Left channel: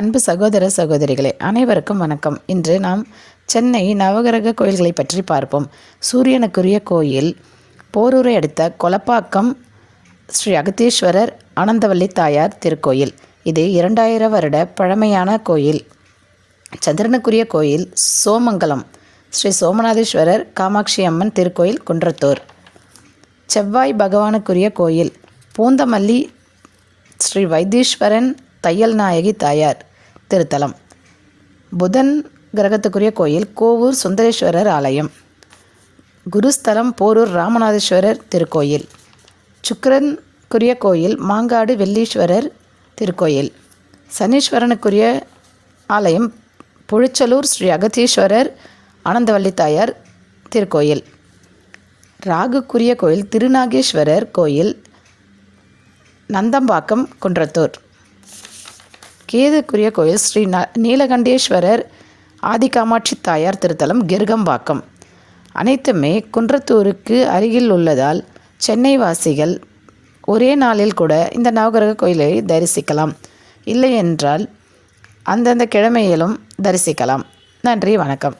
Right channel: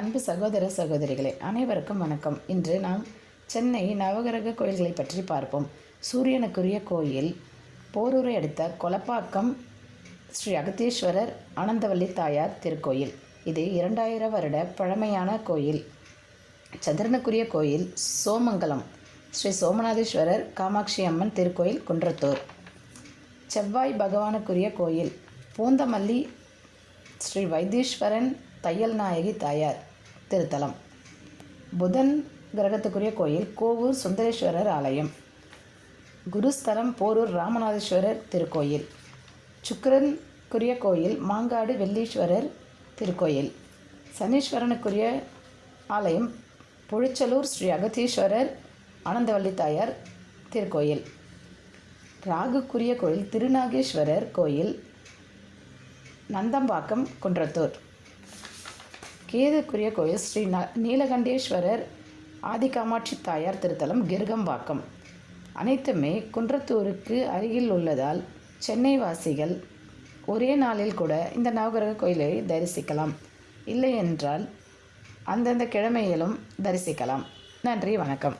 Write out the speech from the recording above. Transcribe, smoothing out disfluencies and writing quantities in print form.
அன்பு சகோதர சகோதரிகளே, அனைவருக்கும் வணக்கம். இன்று நாம் சென்னை நவகிரக கோயில்களை பற்றி பார்ப்போம். சூரியனுக்குரிய கோயில் போரூரை அடுத்த கொலப்பாக்கம் ஸ்ரீ அகத்தீஸ்வரர் ஆனந்தவல்லி தாயார் திருக்கோயில். இது 2000 வருட பழமையான கோயில். சந்திரனுக்குரிய கோயில் சோமங்கலம் ஸ்ரீ சோமநாதேஸ்வரர் காமாட்சி அம்மன் திருக்கோயில் குன்றத்தூர். செவ்வாய் பகவானுக்குரிய கோயில் பூந்தமல்லி ஸ்ரீ வைத்தீஸ்வரன் தையல் நாயகி தாயார் திருத்தலம். புதன் கிரகத்துக்குரிய கோயில் கோவூர் சுந்தரேஸ்வரர் ஆலயம். குருஸ்தலம் போரூர் ராமநாதேஸ்வரர் திருக்கோயில். சுக்கிரனுக்குரிய கோயில் மாங்காடு வெள்ளீஸ்வரர் திருக்கோயில். சனீஸ்வரனுக்குரிய ஆலயம் புழிச்சலூர் ஸ்ரீ அகத்தீஸ்வரர் ஆனந்தவல்லி தாயார் திருக்கோயில். ராகுக்குரிய கோயில் திருநாகேஸ்வரர் கோயில் நந்தம்பாக்கம் குன்றத்தூர். கேதுக்குரிய கோயில் ஸ்ரீ நீலகண்டேஸ்வரர் ஆதிகாமாட்சி தாயார் திருத்தலம் கிருகம்பாக்கம். அனைத்துமே குன்றத்தூருக்கு அருகில் உள்ளதால் சென்னை வாசிகள் ஒரே நாளில் கூட இந்த நவகிரக கோயிலை தரிசிக்கலாம். இல்லை என்றால் அந்தந்த கிழமையிலும் தரிசிக்கலாம். நன்றி, வணக்கம்.